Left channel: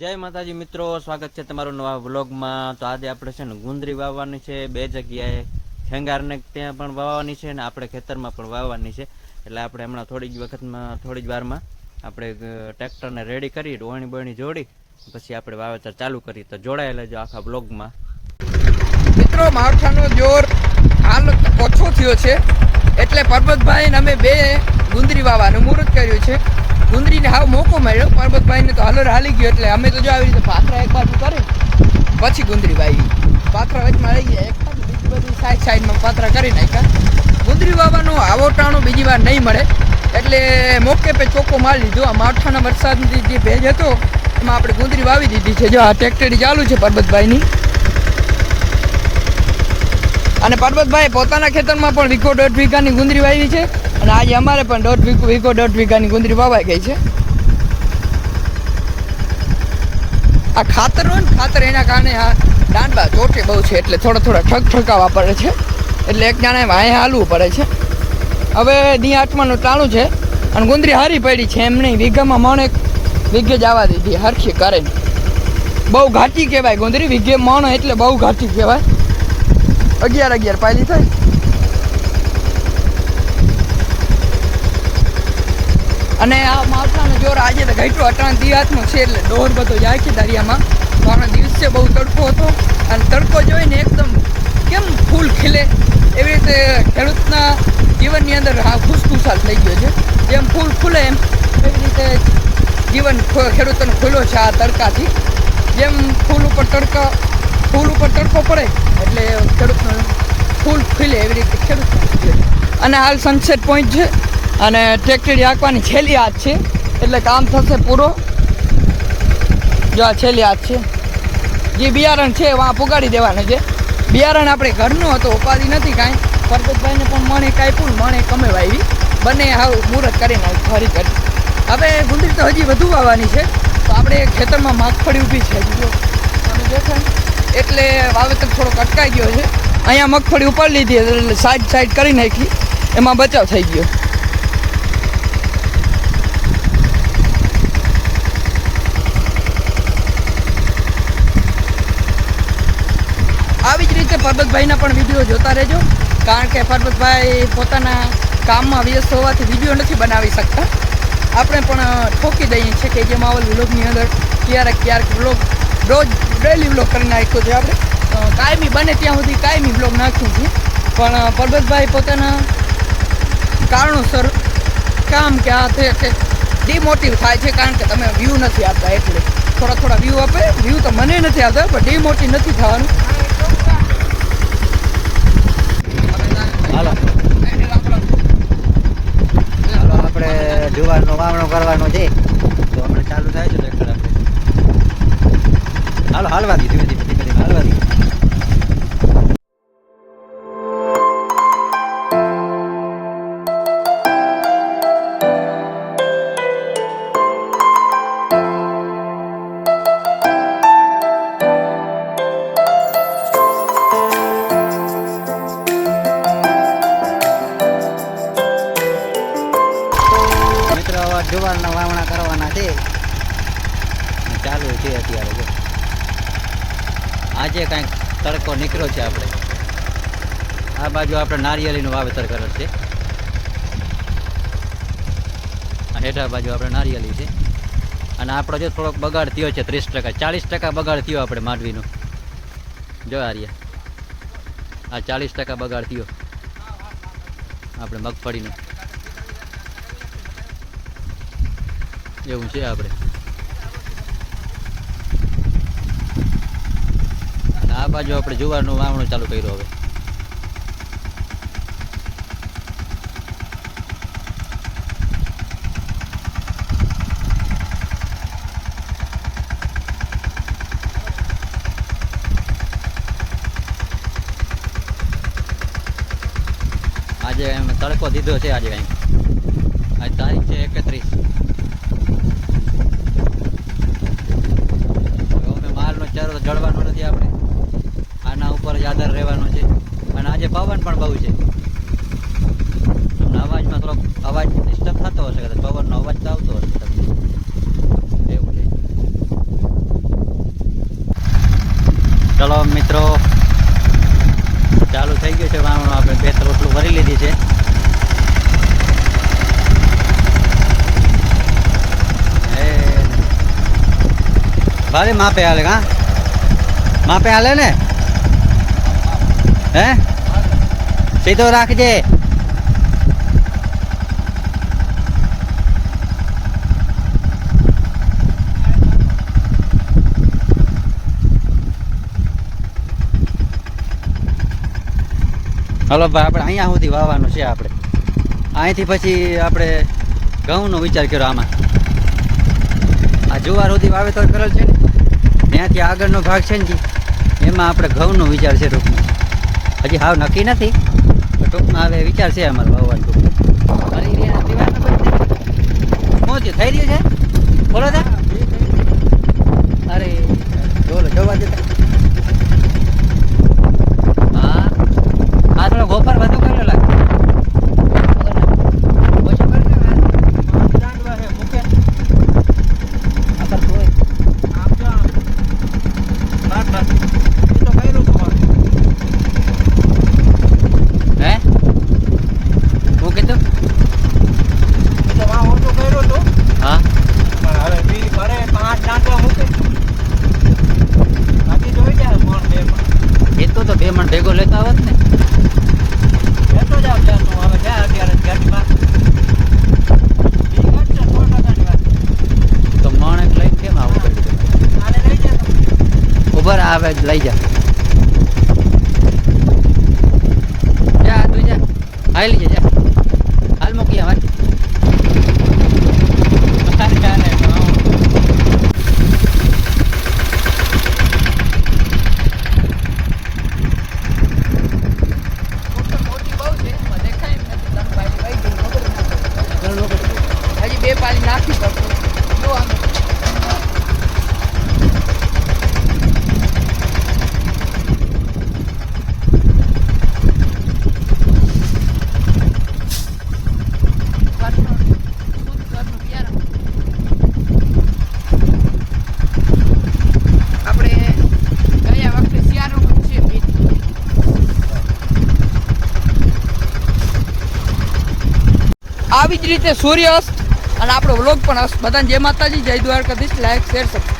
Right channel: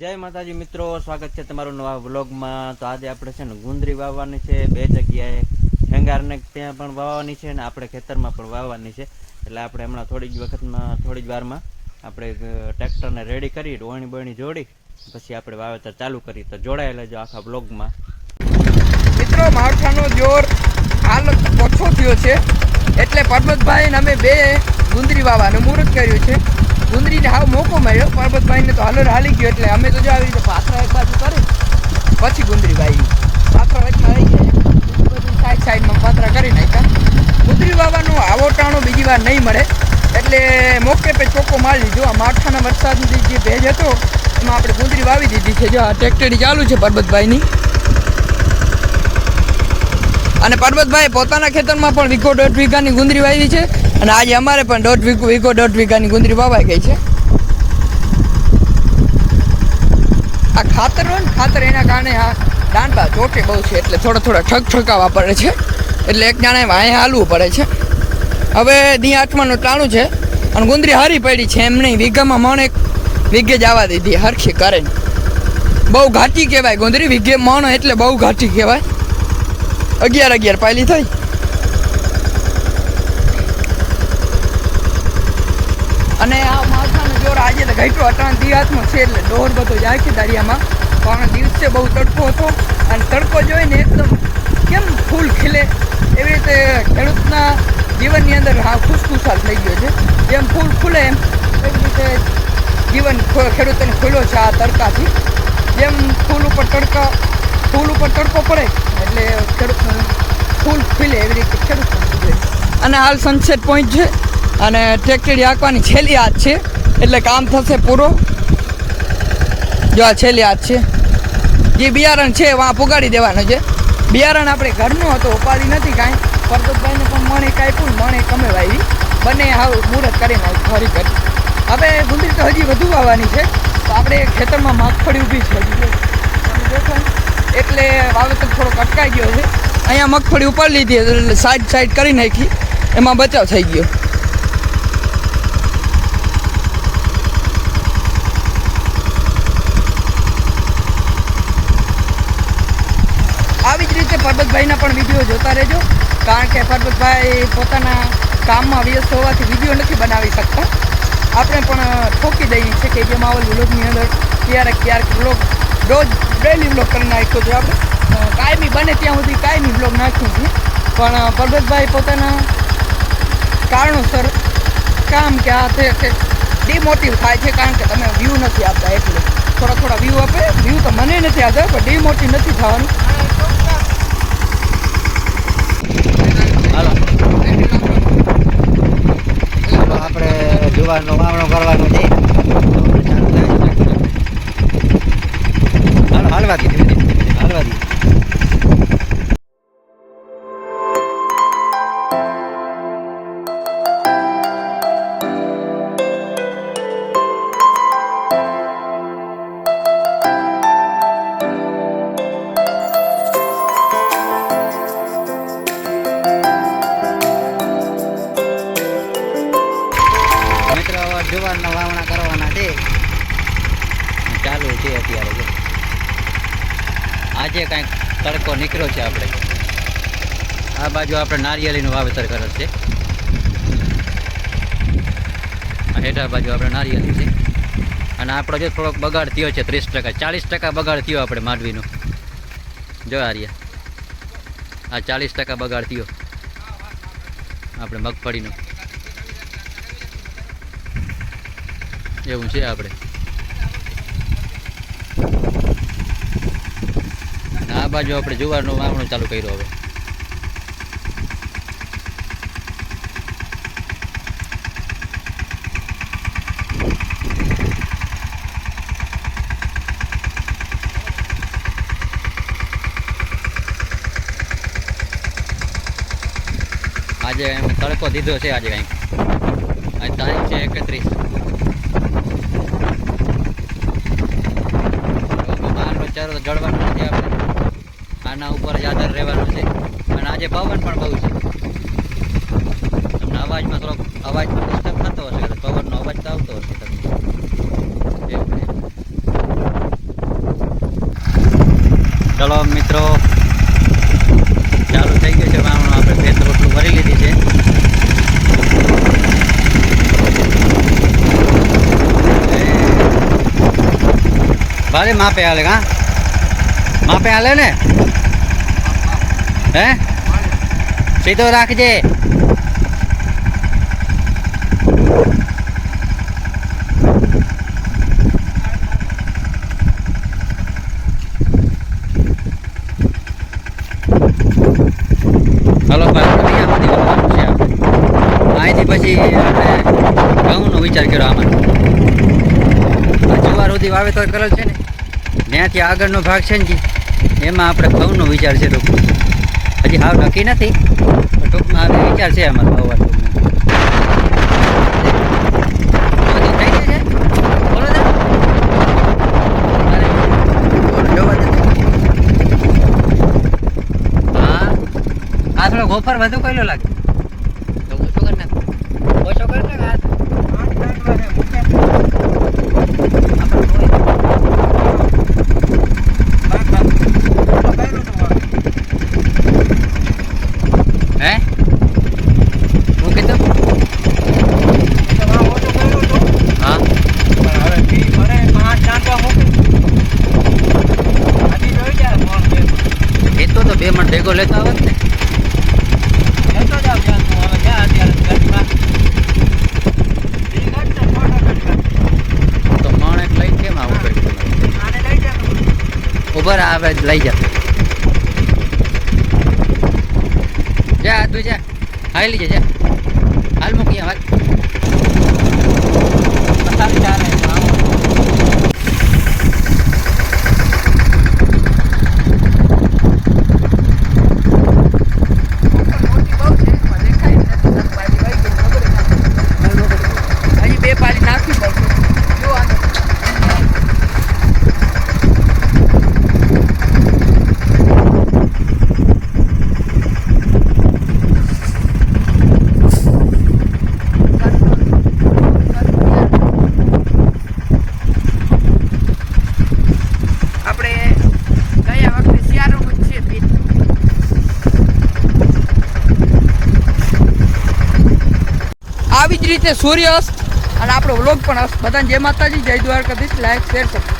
જય માતાજી મિત્રો, સ્વાગત છે તમારું નવા વ્લોગમાં। તો આજે આપણે છે ને ગુંદરી વાવવાની છે, બે જગ્યાએ હેંગારને ત્યાં પણ વાવવાની છે અને આપણે ખેતરમાં પણ વાવવાની છે। એટલે આપણે હમણાં થોડી જ વારમાં આપણે ટ્રેક્ટરને રેડી કરી રોહણી બોહણી જોડી પછી આપણે વાવેતર ચાલુ કરી। તો જોડાયેલા જો આખા વ્લોગમાં। મિત્રો, માવઠાનો જોર હાલ ઓછો થયો છે એટલે પરબતભાઈ ને અમે બે ગુંદરી વાવવાનું મુહૂર્ત કર્યું છે। ગુંદરીને હાવ મોકો મળ્યો, પરબતભાઈને તો હલર હાલી ગયો એટલે અમે તો જો આવી રીતે પાથરા એક બાજુ કરી પછી ગુંદરી વાવી। પાથરા વચમાં આવી ગયા, બધી સાઈડમાં પાથરા કરી નાખ્યા। ગુંદરી વાવવાનું આવો ટાણો બીજી વાર નહીં મળે એટલે મોકે પે ચોખ્ખો મારી લીધો। આ માવઠાના વરસાદની જે ભેજ હતો એમાં આપણે ગુંદરી વાવી દીધી છે। જો આ ટ્રેક્ટરી ચાલુ છે પરબતભાઈની, અને પરબતભાઈ પોતાના ખેતરમાં પણ વીઘો 1.5 વીઘાની ગુંદરી વાવી છે અને આજે અમારે પણ 1.5 વીઘાની ગુંદરી વાવાઈ ગઈ છે। આ ખાતર હોય ને, ખાતર એના કારણે આ દાંડા ચોટે બહુ છે એટલે થોડા ઠકાવવા પડે છે, એટલે એક જાણે વાંહે હાલવું પડે છે। હવે દી આઠમાનું ટાણું છે અને ગુંદરી હારી પડી છે, એમ નહીં વીઘામાં મણ વીઘે જવા દીધી હરખી કરે। બહુ ઘાટી કહેવાય ગુંદરી, વીઘે મણ એટલે બહુ ઘાટી કહેવાય। 11 પાયલી થઈ। અને આ માવઠાનો જોર આજે તો ઘટ્યો, અટાણ દી હાથમાં છે એટલે દોર બધો જાય છે દરિયામાં। પણ દિવસે બહુ તડકો હતો અને તડકો જોઈને એકદમ કેમ ફૂલ ખીલે એવી રીતે ખેડૂતના જીવનની અંદર હા ખુશખુશાલ થઈ ગયો છે। જેમ ફૂલ ખુલે એવી રીતે જીવન ખેડૂતોને ખુલ્યો છે આ તડકાથી। જેમ ફૂલ ઉપર તડકો પડે એટલે ખેડૂતનો ફૂલ ખીલે એવી રીતે ખેડૂત। અને હાલ સનસેટ પોઈન્ટ છે અને ટ્રેક્ટરી હાંકવાની છેલ્લી હાથ છે એટલે કામ થશે પૂરો। જો આ છેલ્લી હાથ છે, જે બિયારણ છે વાં પુગાડી દેવાનું છે। બિયારણ આપણે ઘરનું હતો, ઉપાધિ નથી કાંઈ। પરબતભાઈને પણ મણે કાપ્યું, મણે કમે વાવી, બંને હવે મુહૂર્ત કરી નાખી ફરી કરી। હવે ગુંદરી તો હજી વધુ વાવવાની છે, તો આપણે ખેતરમાં મગફળી ઊભી છે હજી જોશો એટલે વાવેતર થોડોક અટકાઈ ગયો છે। અહીંયા મગફળી ઉપાડી લીધી એટલે સાઈડ કરી નાખી, એમાં બચાવ થઈ ગયો। આવી જ રીતે પરબતભાઈના પણ વિડીયો જોતા રહેજો, કારણ કે પરબતભાઈ પોતાના કામમાં વ્યસ્ત હોવાથી વિડીયો નથી બનાવી શકતા। આપણે પણ ઠોકી દઈએ છીએ કે જે માવલ વ્લોગની અંદર ક્યારેક વ્લોગ રોજ ડેલી વ્લોગ કરી નાખ્યો હતો આપણે, કાયમી બને ત્યાં સુધી કાયમી વ્લોગ નાખ્યું છે। પણ પરબતભાઈ પોતાના કારણોસર કામ કે આ તે કે ડિમોટિવ થાય છે, કારણ કે તમે વ્યૂ નથી આપતા એટલે થોડા વ્યૂ આપે। વ્યૂ તો મને નથી આપતા પણ ડિમોટિવ નથી થવાનું। હાલો આપણે જુવારનો વાવણો કરવાનો છે, તો આપણે ચાલુ થાય છે ટ્રેક્ટર આપણે। હાલો હાલવા દી, ધીમે હાલવા દી। જુવારના વાવણા કરવાના છે, ચાલુ છે અત્યારે। જો આજે કાંઈક તડકો નીકળ્યો છે। આપણે આ બાજુ આપણે નારિયેળીનું વાવેતર કરે છે, આ હેઠા બાજુ આપણે નારિયેળી છે। અને આપણો જો થોડોક બગાડ થયો છે 30%, 40% બગાડ થયો આપણે માંડવીનો। જો આર્યા આ 40% બગાડ થયો આપણે મગફળીનો, એવું છે આપણે। અને આ બાજુ આપણે જુવારનું વાવણું ચાલુ કર્યું। હવે આજે તડકો દીધો છે, આજે કંઈક આજ તારીખ છે 31। માલનો ચારો તો જળવાનો નથી આપણે, આના ઉપર જ આધાર રહેવાનો છે। અને આજે પવન પણ બહુ છે, તમને અવાજમાં થોડોક અવાજનો ડિસ્ટર્બ થતો હશે, પવનનો અવાજ તો આવતો હશે તમને, એવું છે। ચલો મિત્રો, ચાલુ થઈ ગયું છે વાવણું. આપણે 2 રોટલું ભરી લીધી છે. ભારે માપે હાલે કા? માપે હાલે ને? હે સીધો રાખજે. હલો ભાઈ, આપણે અહીંયા સુધી વાવવાનું છે. આપણે અહીંથી પછી આપણે ઘઉંનો વિચાર કર્યો આમાં. આ જુવાર સુધી વાવેતર કરેલ છે ને, ત્યાંથી આગળનો ભાગ છે ને જી, એમાં આપણે ઘઉંનો વિચાર છે ટૂંકમાં. હજી હાવ નક્કી નથી, પણ ટૂંકમાં હવે વિચાર છે અમારે વાવવાનો. થઈ ગઈ છે બોલો ને. અરે બોલો જોવા દે. હા આ થોડો ગોફર વધુ કર્યો લાગે. ઓછો કરે ને હે હું કીધું હા ખેતો તો 2 મણ ભેગો લેતા આવત ને. તો મણ એક લઈને કેમ આવું કર્યું? ઉભર આવે લઈ જા. જા તું જા, હાલી જા, જા હાલ મૂકી હાલ. આવી જ રીતે સૂર્યાસ્ત અને આપણો વ્લોગ પણ બધાને જય માતાજી, જય દ્વારકાધીશ. Like share subscribe.